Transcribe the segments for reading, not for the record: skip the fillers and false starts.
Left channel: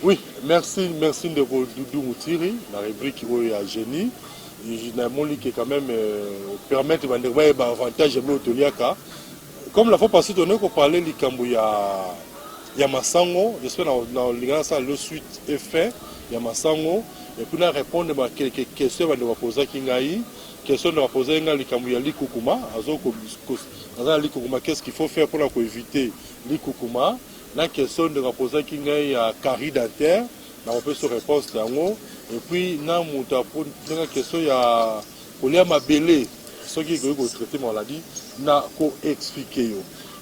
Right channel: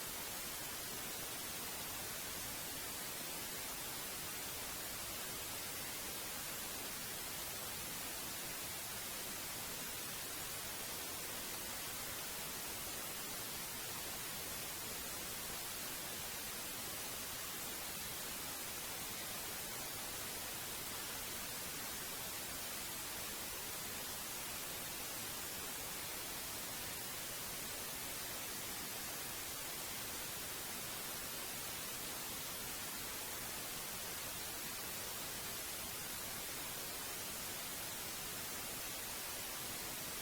Oui, merci de Doudou Moutiri, la rubrique où il y a génie. Mon qui quand même permettre de voir avantage de l'Otoliaka. Comme la fois passée, on a parlé du Kambuya. Il y a Massango, j'espère dans le suite est fait, il y a Massango, et puis on répondre à quelques questions de poser Kingaï, question de poser Nga Likambuya Likukuma, qu'est-ce qu'il faut faire pour éviter Likukuma, la question de poser Kingaï à Carrie dentaire, on peut se répondre d'ango, et puis na muta pour la question il y a Olia Mabele, ce qui est traité maladie, na ko expliquer.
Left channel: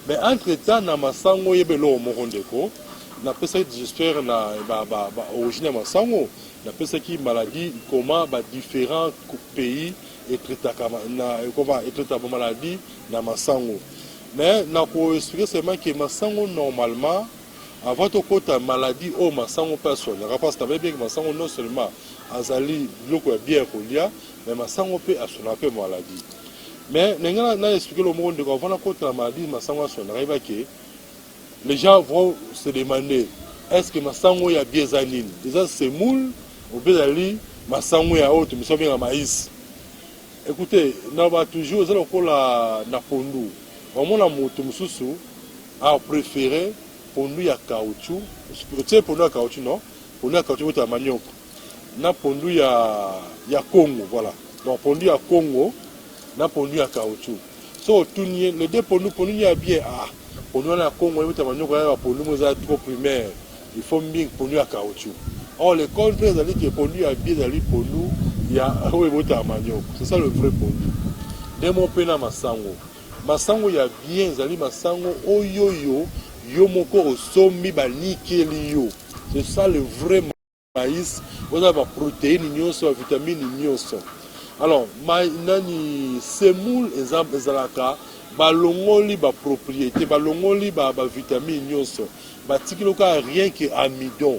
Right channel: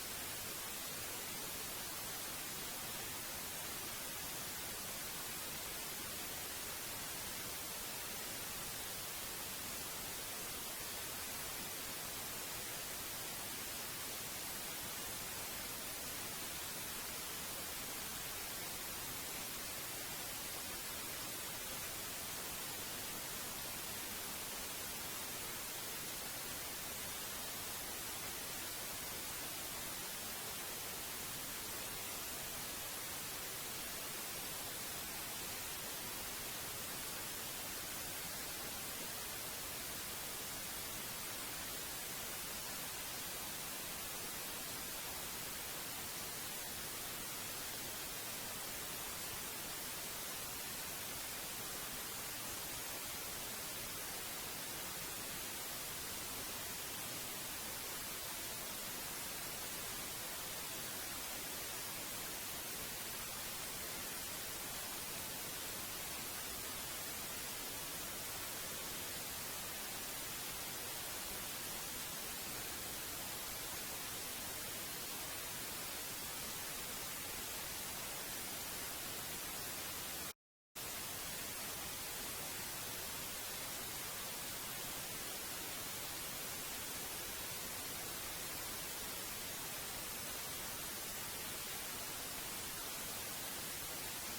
Mais entre-temps, na masango yebelo morondeko, na pesa j'espère na origine masango, na pesa qui maladie comment différents pays et traité na comment et traité maladie na masango. Mais na ko expliquer seulement que masango normalement avant de côté maladie au masango personne, parce que bien que masango non seulement azali loko bien kolia, mais masango peut assurer peu maladie. Mais les gens ont expliqué le monde quand on a contre la maladie, les gens vont se demander est-ce que Massango y a bien zanine. Déjà c'est moule, au Bézali, Massango y a autre, mais ça vient à maïs. Écoutez, nous avons toujours la pondu. Au moins la moto a préféré pondu à caoutchouc. Tu sais pondu à caoutchouc non? Pondu à caoutchouc c'est à manioc. Na pondu à Congo, voilà. Donc pondu à Congo. Na pondu à caoutchouc. So les deux pondu y a bien pondu à Congo et manioc pondu trop primaire. Il faut bien pondu à caoutchouc. Or le contraire c'est que pondu à bien d'aller pondu il y a manioc. C'est ça le vrai pondu. Dès mon pena masango. Masango y a bien zali masango oyoyo yo moko osomi ba nikeli yo. C'est ça le vrai maïs. Vous avez la protéine, la vitamine, alors, nani semoule ezalaka balongoli ba propriété, balongoli ba vitamine nyonso. Ba tikiloka rien que amidon.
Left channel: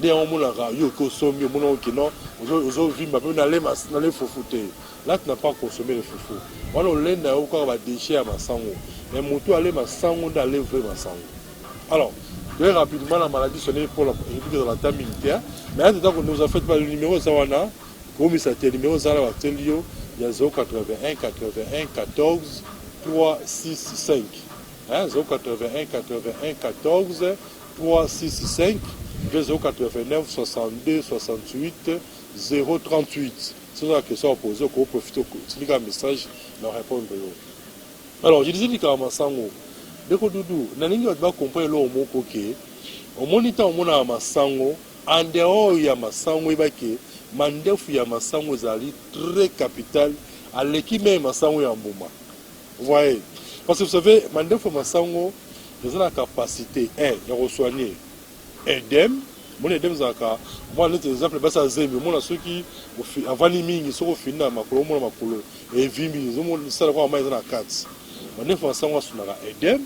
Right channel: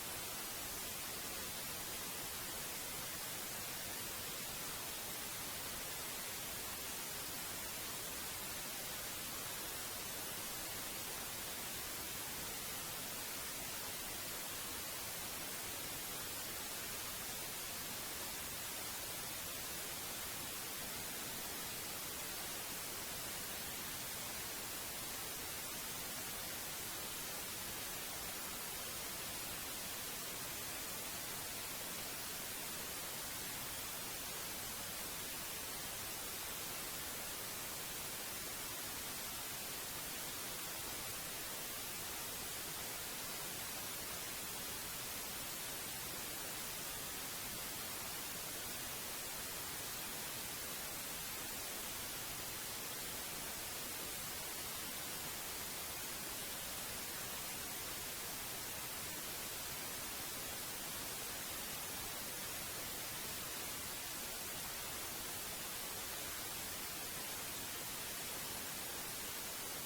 Dès on monaka yo ko somi mono ki non, ozo vi ma na le fofute. Là tu n'as pas consommé le foufou. Voilà on lenda yo ko ba déchet à masango. Mais moto aller masango d'aller vrai masango. Alors, très rapidement la maladie sonnée pour la table militaire. Mais en tout cas, nous avons fait le numéro Zawana. Comme il s'appelle le numéro Zawana, il y a 081 81 14 365. 081 81 14 365. 089 62 68 038. C'est la question à poser. On profite de un message pour répondre. Alors, je disais que Masango. Dès que Doudou, naningi va comprendre l'eau moko ke, au moniteur on a masango, en dehors il y a masango ibake, mandefu ya masango zali très capital, à l'équipe même masango ya mbuma. Vous voyez, parce que vous savez, mandefu masango, ils ont la capacité de resoigner edem, mon edem zaka, moi les exemples basa zemi, mon ceux qui avant mingi sont au final makolo mon makolo et vimbi, ils ont ça quoi mais na 4. Mandefu masango sunara edem.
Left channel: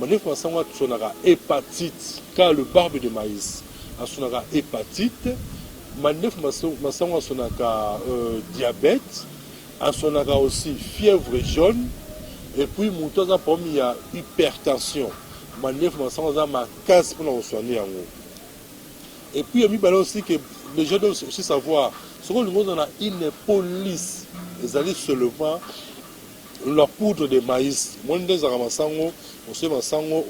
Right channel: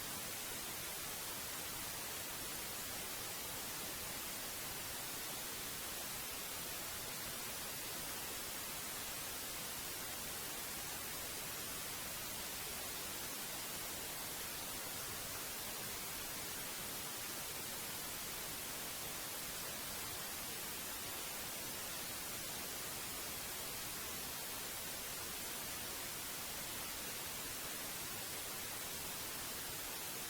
Mandefu masango sonara hépatite car le barbe de maïs a sonara hépatite. Mandefu masango sonaka diabète, a sonara aussi fièvre jaune et puis mutoza pomi il y a hypertension. Mandefu masango za ma casse pour nous soigner en haut. Et puis il y a aussi que les gens doivent aussi savoir ce que nous avons une police les alliés seulement la poudre de maïs. Moi des aramasango on sait masango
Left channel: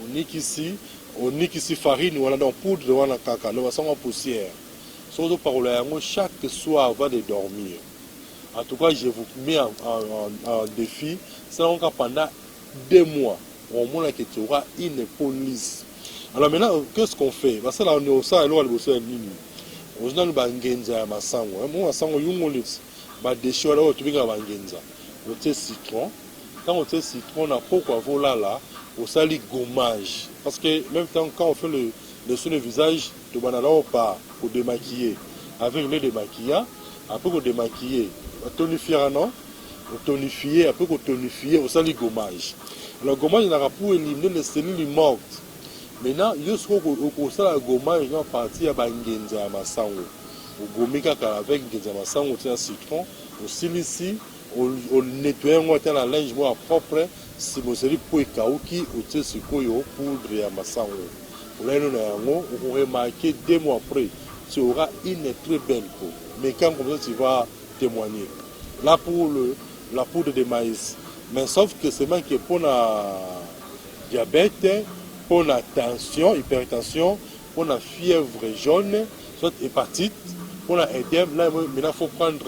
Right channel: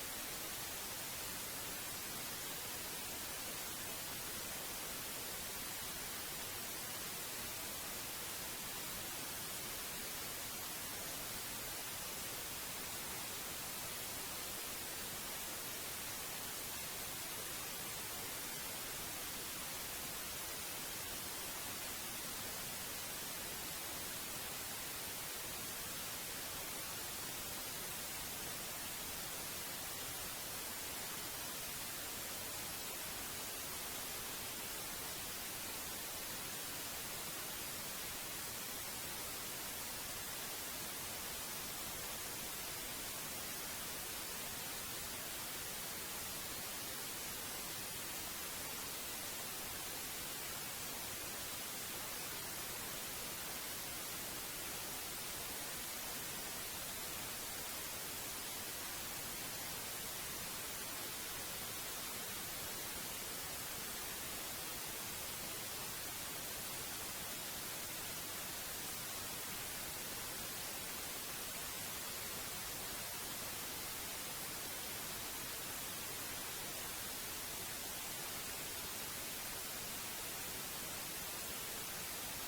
on nikisi farine ou dans poudre de wana kaka le masango poussière. Surtout par chaque soir avant de dormir. En tout cas, je vous mets en défi. C'est encore pendant 2 mois. Au moins que tu auras une police. Alors maintenant, qu'est-ce qu'on fait? Parce que là, on est au sein, on est au sein de l'île. On est dans le Genza, masango. Moi, masango, yungolis. Bah, des choses là, tu vas Genza. On tient citron. Quand on tient citron, on a pourquoi voilà là. On sali gommage. Parce que même temps, quand on fait le soin de visage, tu vas là pas pour démaquiller. Avec le démaquillant, après qu'on démaquiller, on tonifier non? On tonifier, après qu'on tonifier, on sali gommage. Le gommage, il a pour éliminer les cellules mortes. Maintenant, il y a ce qu'on a gommage dans partie à Bangenza à Massango. On gomme avec Genza Massango, on tient un citron, on silicie, on nettoie, on tient la linge propre. Si vous avez pour Kaouki, ou poudre à Massango. on remarqué 2 mois après, tu auras une très belle peau. Mais quand comme ça, tu vas témoigner. Là, pour la poudre de maïs. Mais sauf que c'est même que pour la diabète, pour la tension, hypertension, pour la fièvre jaune, soit hépatite, pour la édème, là, maintenant, il faut prendre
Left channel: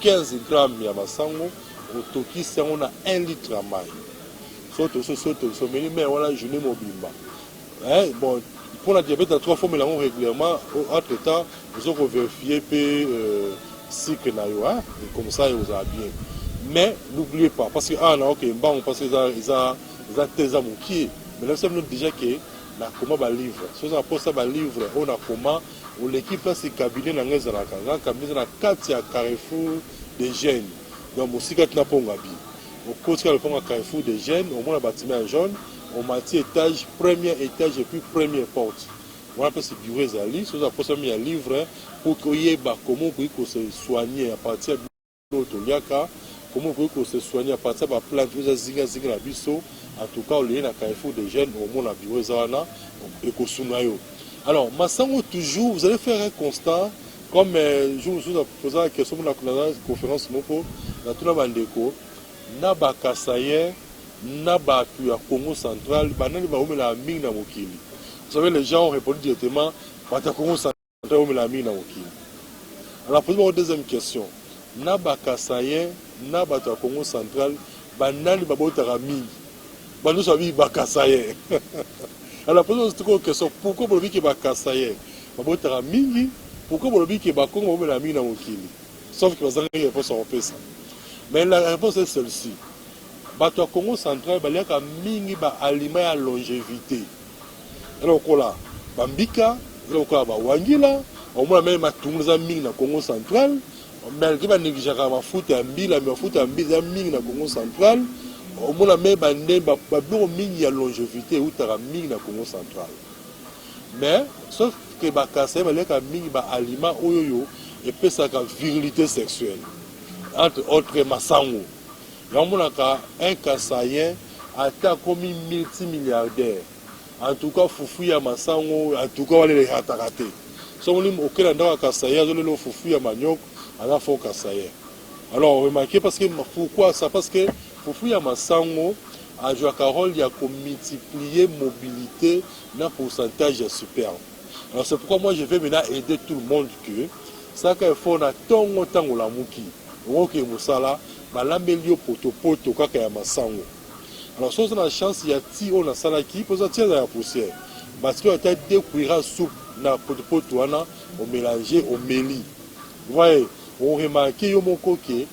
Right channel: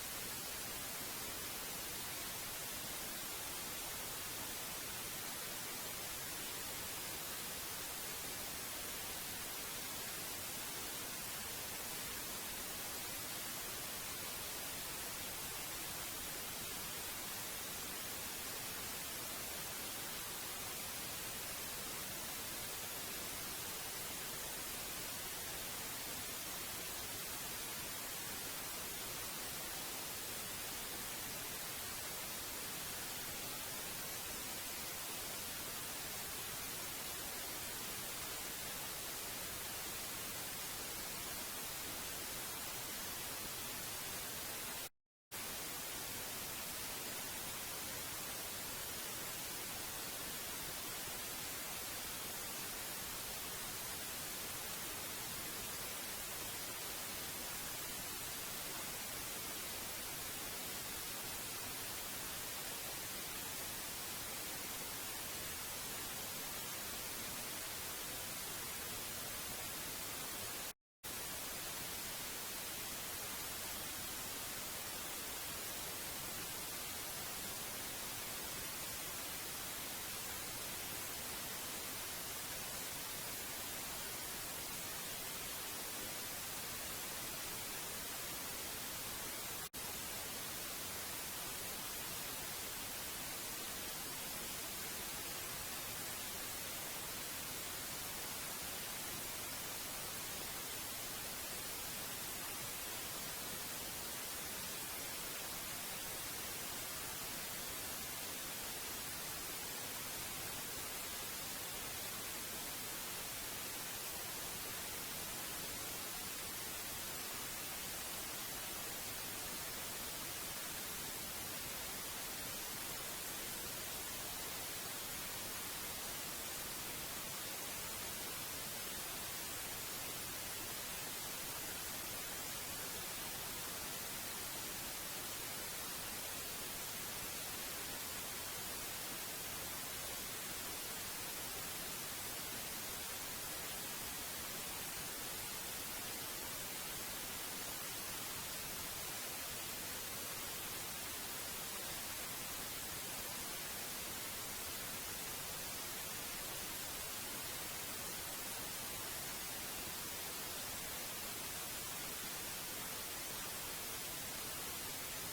15 grammes de masango, au toki, on a 1 litre à maille. Mais voilà, je n'ai mobile. Bon, pour la diabète, à 3 fois, mais régulièrement, entre temps, nous avons vérifié le cycle, comme ça, vous avez bien. Mais n'oubliez pas, parce que, ok, bon, parce qu'ils ont tes amours qui mais là, c'est déjà que na comment va livre. Si on a posé ça livre, on a comment, ou l'équipe là, c'est cabinet dans les années, cabinet dans 4 carrefour des jeunes. Donc, aussi, quand on a pas au côté de carrefour des jeunes, au moins, le bâtiment jaune, au matière étage, premier étage et puis première porte. On appelle ce bureau Zali, si on a posé un livre, pour qu'il y ait comment se soigner à partir de l'autre comment vous pouvez se soigner à partir de la plante, vous avez la biso, en tout cas, il y a un carrefour des jeunes, au moins la bureau Zana, et Kosunayo. Alors, Massango, toujours, vous allez faire un constat, comme je vous ai posé la question de la conférence Moko, dans tout le monde, Naba Kasaye, Naba Congo central, Banani Baoumela Ming na Mokili. Vous savez, les gens ont répondu directement, Bata Congo central, Baoumela Ming na Mokili. Alors, posez-moi une deuxième question. Naba Kasaye, Naba Congo central, Banani Babotara Ming. Banani Sabi Bakasaye. Alors, posez-moi une question. Pourquoi vous dites que Bakasaye, Babotara Ming, pourquoi vous dites que Bakongo Baoumela Ming na Mokili? Sauf que vous avez une réponse en ça. Mais la réponse est celle-ci. Bato Congo central, il y a mingi ba aliment à longévité. Alors là, bambika, alors là, wangila, au moins même à tout le monde na Congo central, mais il y a négligé à foot à mbila, mais foot à mbila mingi na Congo central, au moins même bandé ba mingi à longévité ou tara mingi na Congo central. Mais sauf que ba kasa, il y a mingi ba aliment oyoyo et puis ça a virilité sexuelle. Entre autres Massango. Un Kassayen atteint comme multimilliardaire. En tout cas, Foufouya Massango, en tout cas, les rataraté. Si on dit auquel endroit Kassayen, on a Foufouya Maniok, on a fait Kassayen. Alors, remarquez, parce que, pourquoi ça? Parce que Foufouya Massango a joué un rôle, il y a multiplié mobilité dans un pourcentage super. Alors, c'est pourquoi moi, je vais maintenant aider tout le monde que ça, qu'il faut, on a tant de la mouki. Ok, Moussala, l'amélio poto kaka ya masango. Alors si on a la chance, il y a ti on a salaki, pour ça tirer la poussière. Parce que on a découvert soupe na poto wana, on mélangeait au méli. Vous voyez, on remarque yo mon coquet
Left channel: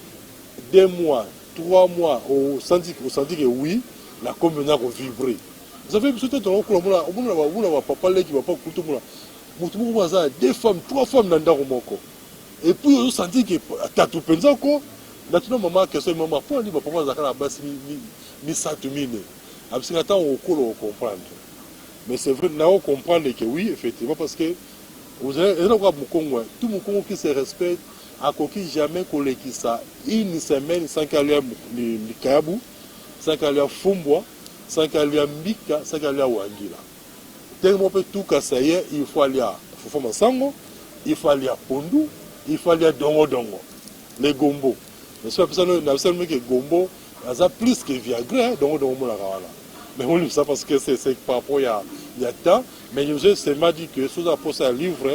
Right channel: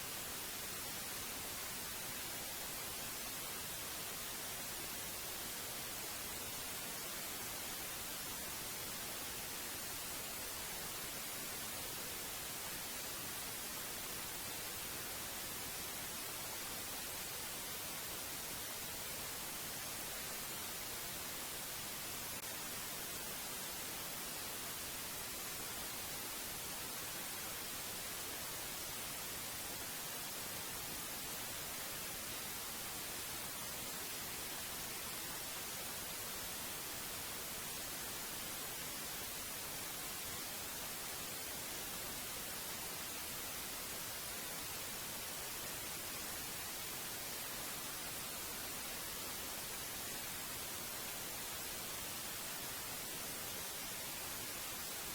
2 mois, 3 mois, on sentit que oui, la commune a vibré. Vous savez, peut-être on a papa qui va pas couper moi. 2 femmes, 3 femmes dans le moko. Et puis on sentit que t'as tout pensé quoi. Maintenant maman question maman pour dire papa zaka la base ni satumine. Absolument temps on comprendre. Mais c'est vrai là on comprendre que oui effectivement parce que vous avez tout mon Congo qui se respecte a coquille jamais collé qui ça une semaine sans qu'il y ait le kayabu, sans qu'il y ait fumbwa, sans qu'il y ait mbika, sans qu'il y ait wangila. Tellement peu tout kassaye, il faut aller à Fofoma Sango, il faut aller à Pondu, il faut aller à Dongo, les gombo. Mais c'est absolument que gombo, ça plus que Viagra, Dongo, mais on dit ça parce que c'est par rapport il y a temps, mais nous c'est m'a dit que sous apport ça livre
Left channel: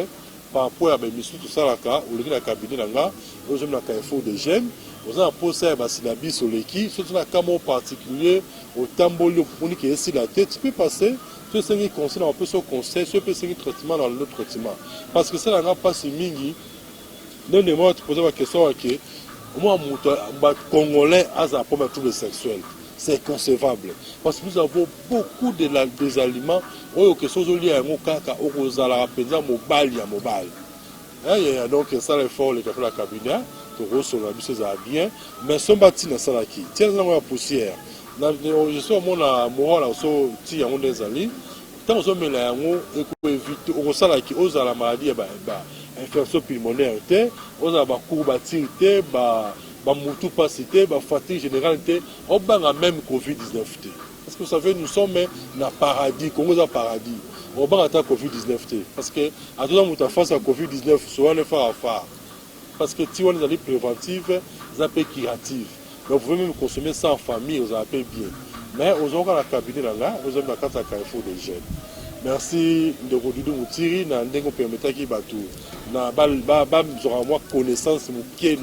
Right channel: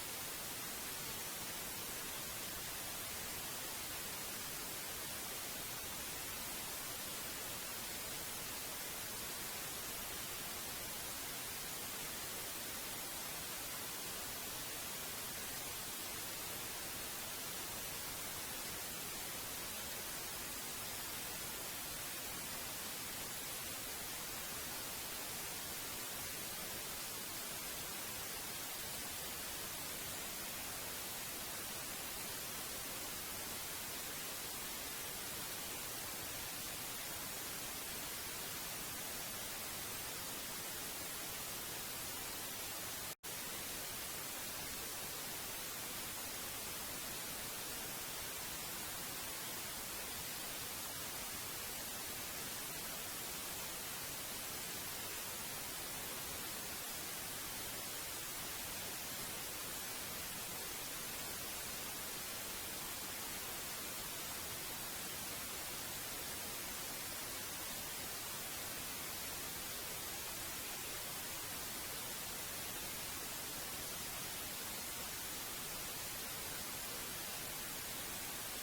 par rapport à mes missions tout ça là ou le cabinet là, nous sommes dans carrefour des jeunes, nous avons posé un syllabus sur l'équipe, surtout dans un cas particulier au tambolo pour que ici la tête peut passer. Ce qui conseille un peu ce conseil, ce qui est traitement dans le traitement. Parce que ça n'a pas si mingi. Non, moi, tu posais la question à qui moi, les Congolais ont un problème de sexuel. C'est concevable. Parce que nous avons beaucoup des aliments qui sont liés à un caca, aux alapédiens, mobile. Donc, ça, l'effort, les cafés de la cabinet, c'est bien. Mais ce bâti, c'est là qui tient la poussière. Je suis à mon moral, je suis à mon désali. Tant que je me éviter, on sait qui ose la maladie, infection pulmonaire, on a courbature, moutou passité, fatigue générale, on a même Covid-19. Parce que vous savez, nous sommes dans le paradis, Congo est un paradis. on va attaquer Covid-19 parce que à tout moment face à Covid-19 souvent le faire à faire parce que si on est allé préventive ça peut curative donc vous pouvez même consommer ça en famille vous appelez bien mais aux gens la cabinet là vous avez la carte à Carrefour des jeunes merci de Rodrigo Moutiri na ndengo permettre qui batou na ba moi connaissance mukie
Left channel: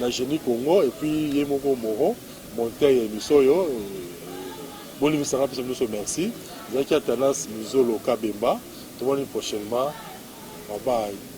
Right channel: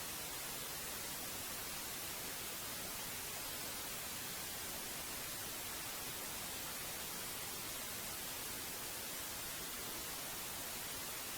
na génie Congo et puis yemoko moro monter émission yo Bon, merci. Vous avez tendance Mizolo Kabemba. Tout le monde prochainement. Bye bye.